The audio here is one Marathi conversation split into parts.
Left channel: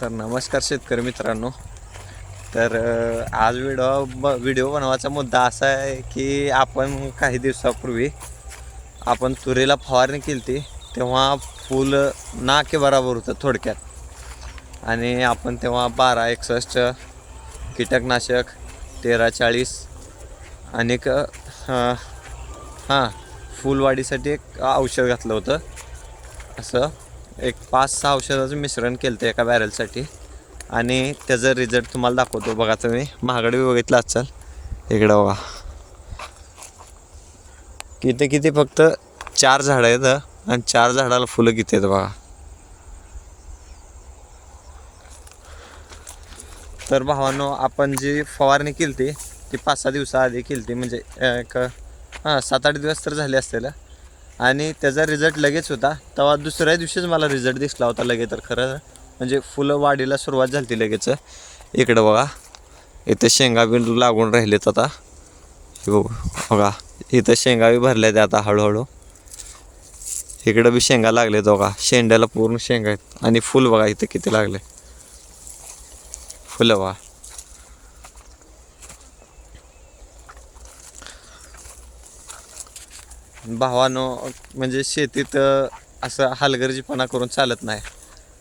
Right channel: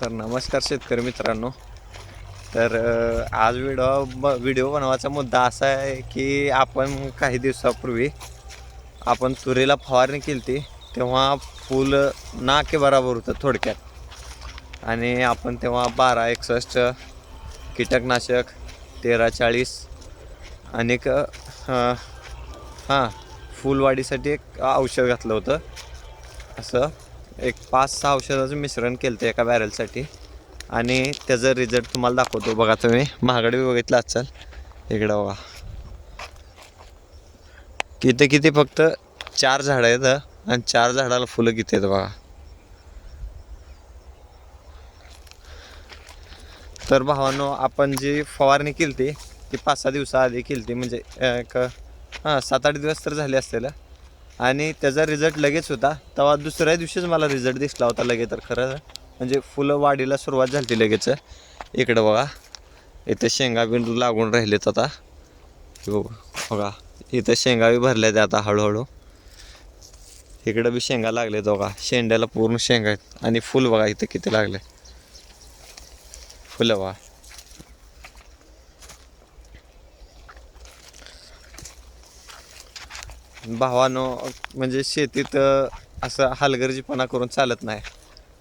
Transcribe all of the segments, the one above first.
तर नमस्कार शेतकरी मित्रांनो. तर आज व्हिडिओ ब व्हिडिओ बनवायचा मुद्दा असा आहे की आपण काही दिवसापूर्वी आपण तुरीला फवारणी केली होती तेव्हा फुल ना की बराबर होतं थोडक्यात. आणि आपण तेव्हा बारा एकसष्ट कीटकनाशक तेरा चाळीस अनेक हां फुलवाढीसाठी एक औषध घातलं होतं. असं. एक पाच सहा औषधाचं मिश्रण केलं होतं एका बॅरलसाठी. आणि त्याचं रिझल्ट तुम्हाला दाखवतो बघा तुम्ही. महागडी बघितला असेल. इकडं बघा. किती किती फक्त चार झाडं आहेत आणि चार झाडाला फुलं किती आहेत बघा. तर भावानो आपण जी फवारणी केली ती ती पाच सहा दिवसाआधी केली ती म्हणजे एक हां सात आठ दिवस तर झाले असतील आणि त्याचा रिझल्ट लगेच होता. तेव्हा दुसऱ्या दिवशीच मला रिझल्ट दिसला होता लगेच तर खरं म्हणजे फुलं वाढीला सुरुवात झाली लगेच. इकडं बघा. इथं शेंगा बी लागून राहिलेत आता. हे बघा इथं शेंगा बी भरल्या त्या आता हळूहळू. इकडं बी शेंगा लागले बघा. शेंड्याला पूर्ण शेंगा आहेत. आणि फुल बघा इथे किती लागले. फुलं बघा. भावानो म्हणजे शेतीत असं हलगर्जीपणा करून चालत नाही.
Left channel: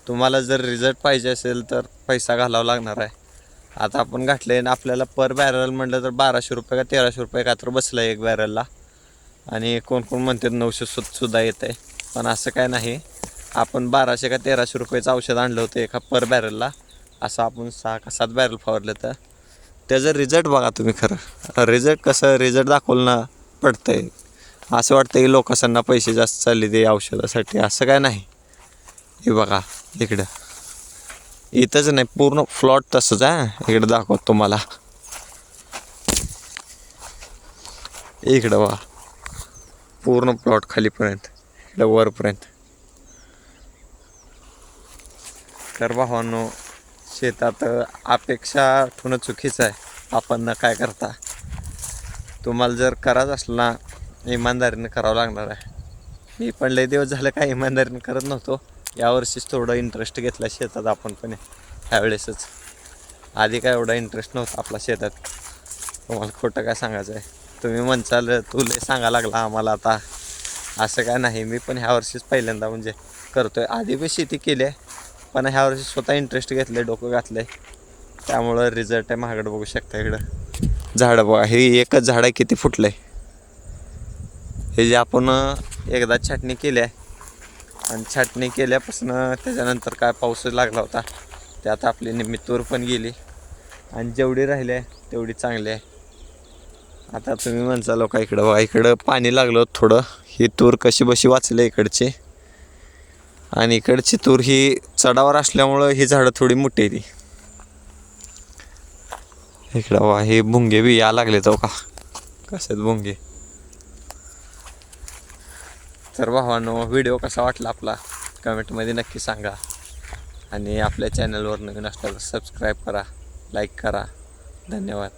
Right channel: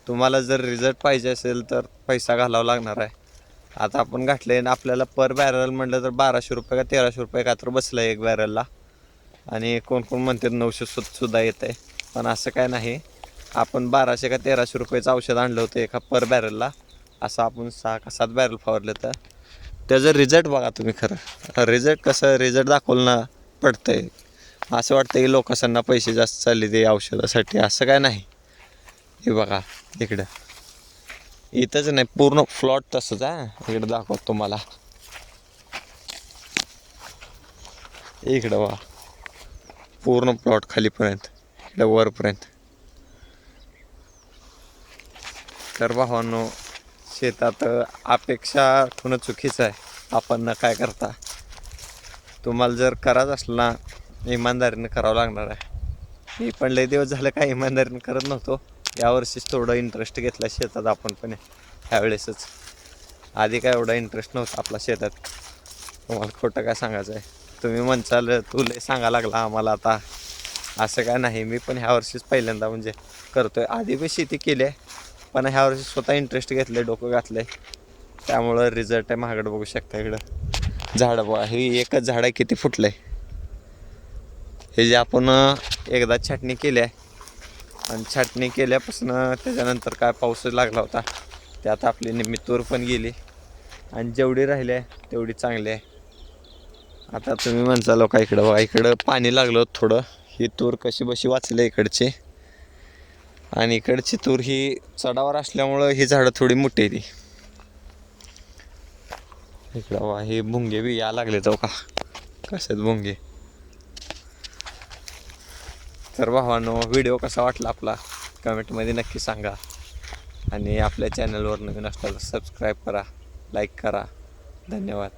तुम्हाला जर रिझल्ट पाहिजे असेल तर पैसा घालावा लागणार आहे. आता आपण घातले आणि आपल्याला पर बॅरल म्हटलं तर बाराशे रुपये का तेराशे रुपये का तर बसलं आहे एक बॅरलला. आणि कोण कोण म्हणतात नऊशे सु सुद्धा येत आहे पण असं काय नाही. आपण बाराशे का तेराशे रुपयाचं औषध आणलं होतं एका पर बॅरलला. असं आपण सहा का सात बॅरल फावरलं तर. त्याचा रिझल्ट बघा तुम्ही खरं. रिझल्ट कसं रिझल्ट दाखवलं ना आहे असं वाटतं की लोकांना पैसे जास्त चालले ते औषधासाठी असं काय नाही. हे बघा इकडं. इथंच नाही पूर्ण फ्लॉट तसंच आहे. इकडं दाखवत तुम्हाला. इकडं बघा. पूर्ण प्लॉट खालीपर्यंत इकडं वरपर्यंत. तर भावांनो शेतात अपेक्षा ठेवणं चुकीचं आहे. आपण काय करता. तुम्हाला जर करायचं असलं ना इमानदारीनं करावं लागणार आहे. मी पण लय दिवस झालं काय इमानदारीनं करत नव्हतो. यावर्षीच थोडा इंटरेस्ट घेतला शेतात आपण पण ह्यावेळेसच आधी काय एवढा इंटरेस्ट नव्हता आपला शेतात. तुम्हाला खोटं काय सांगायचं आहे? तुम्ही म्हणचाल तू लय सांगा लागला आम्हाला आता. असं काय नाही. मी पण ह्या वर्षीच पहिल्यांदा म्हणजे करतोय. आधी पण शेती केली आहे पण ह्या वर्षी स्वतः इंटरेस्ट घेतले डोकं घातलंय. त्यामुळं रिझल्ट आहे महागडं बघू शकता इकडं. झाडं बघा हे एकच झाड आहे किती फुटलं आहे हे जे आपण एकदा छाटणी केली आहे. आणि छाटणी केल्यापासून त्याच्यानंतर काय पाऊस लागला होता त्यात आपली निम्मी तूर पण गेली. आणि जेवढी राहिली आहे तेवढी चांगली आहे. आता तुम्ही म्हणता लोका इकडं बघा इकडं पाणी लागलं थोडं. ही तूर कशी बशी वाचली इकडची? आणि इकडची तूर ही चढावर असल्यामुळं ही झाडं थोडी मोठी आहे ती. इकडं बघा हे भुंगे बी या लागले तो हो का? कसे भुंगे? तर भावानो व्हिडिओ कसा वाटला आपला? कमेंटमध्ये नक्की सांगा. आणि आपल्या चॅनलवर नवीन असला तर सबस्क्राईब करा लाईक करा. धन्यवाद.